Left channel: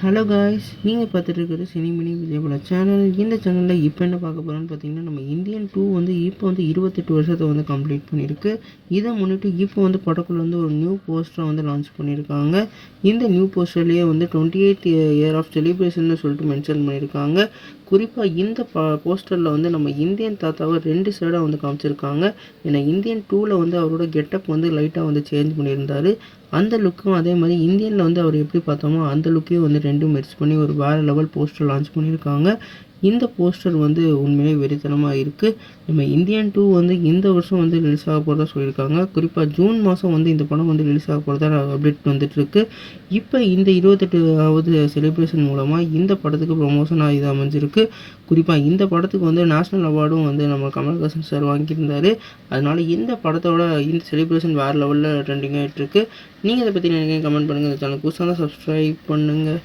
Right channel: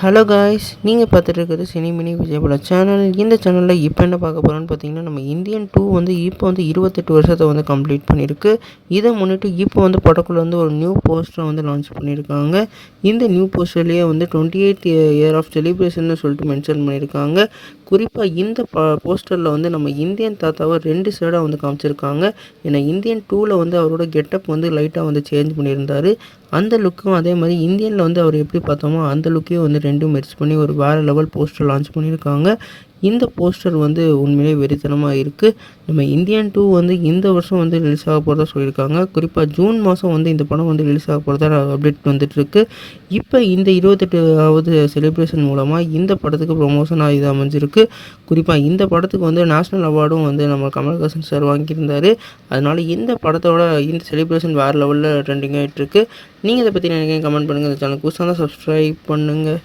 Hello guys, நீங்கள் பார்த்துட்டு இருக்கிறது சினி மினி விஜயபுல சேனல். இந்த சேனலில் இப்போ என்ன பார்க்க போகிறோன்னு பார்த்தீங்கன்னா, நம்ம இந்தியன் 2 வந்து இப்போ வந்து 28 வருஷத்தை வந்து கம்ப்ளீட் பண்ணியிருக்கு. இதை முன்னிட்டு இப்போ வந்து படக்குள்ள வந்து ஒரு நியூ போஸ்டரை வந்து லான்ச் பண்ணியிருக்காங்க. இந்த நியூ போஸ்டர்லேயே வந்து 28th இயர் ஆஃப் செலிப்ரேஷன் சொல்லிட்டு மென்ஷன் பண்ணியிருக்காங்க. குறிப்பாக இந்த போஸ்டரில் வந்து நம்ம இந்தியன் தாத்தாவை 2 சைடாக வந்து காமிச்சிருக்காங்க. ஏன்னா இந்தியன் 2ல் வந்து அவரோட கெட்டப் வந்து லைட்டாக வந்து சேஞ்ச் பண்ணியிருந்தார். அந்த லுக்கும் அதே மாதிரி இந்தியனில் வந்து அவர் எப்படி பார்த்தோமோ அந்த லுக்கையும் வந்து ரெண்டும் மெர்ஜ் பண்ணி ஒரு வேறு லெவல் போஸ்டர் லான்ச் பண்ணியிருக்காங்க. இந்த போஸ்டர் வந்து உண்மையிலே வெறித்தனமாக இருக்குது. நம்ம இந்தியன் 2 வந்து இந்த வருஷம் வந்து ரிலீஸ் ஆக போகிறதா சொல்லியிருக்காங்க. குறிப்பாக ஜூன் மாதம் வந்து இந்த படம் வந்து ரிலீஸ் ஆக போகிறதா அப்டேட் வந்துட்டுருக்கு. இப்போ இந்த 28வது செலிப்ரேஷன் மூலமாக இந்த படத்துக்கு ப்ரொமோஷனாக இது அமைஞ்சிருக்கு. குறிப்பாக இந்த படத்துக்கு வந்து நேஷ்னல் அவார்டும் வந்து நம்ம கமல்ஹாசன் சார் வாங்கியிருந்தார். அதனால் இந்த படத்தோட இந்த செலிப்ரேஷன் வேறு லெவலில் ட்ரெண்டிங் ஆகிட்டுருக்கு. நீங்கள் இதை பற்றி நினைக்கிறீங்க கமெண்ட் பண்ணுங்கள். இந்த சேனல் புதுசாக தான் சப்ஸ்கிரைப் பண்ணுங்கள்.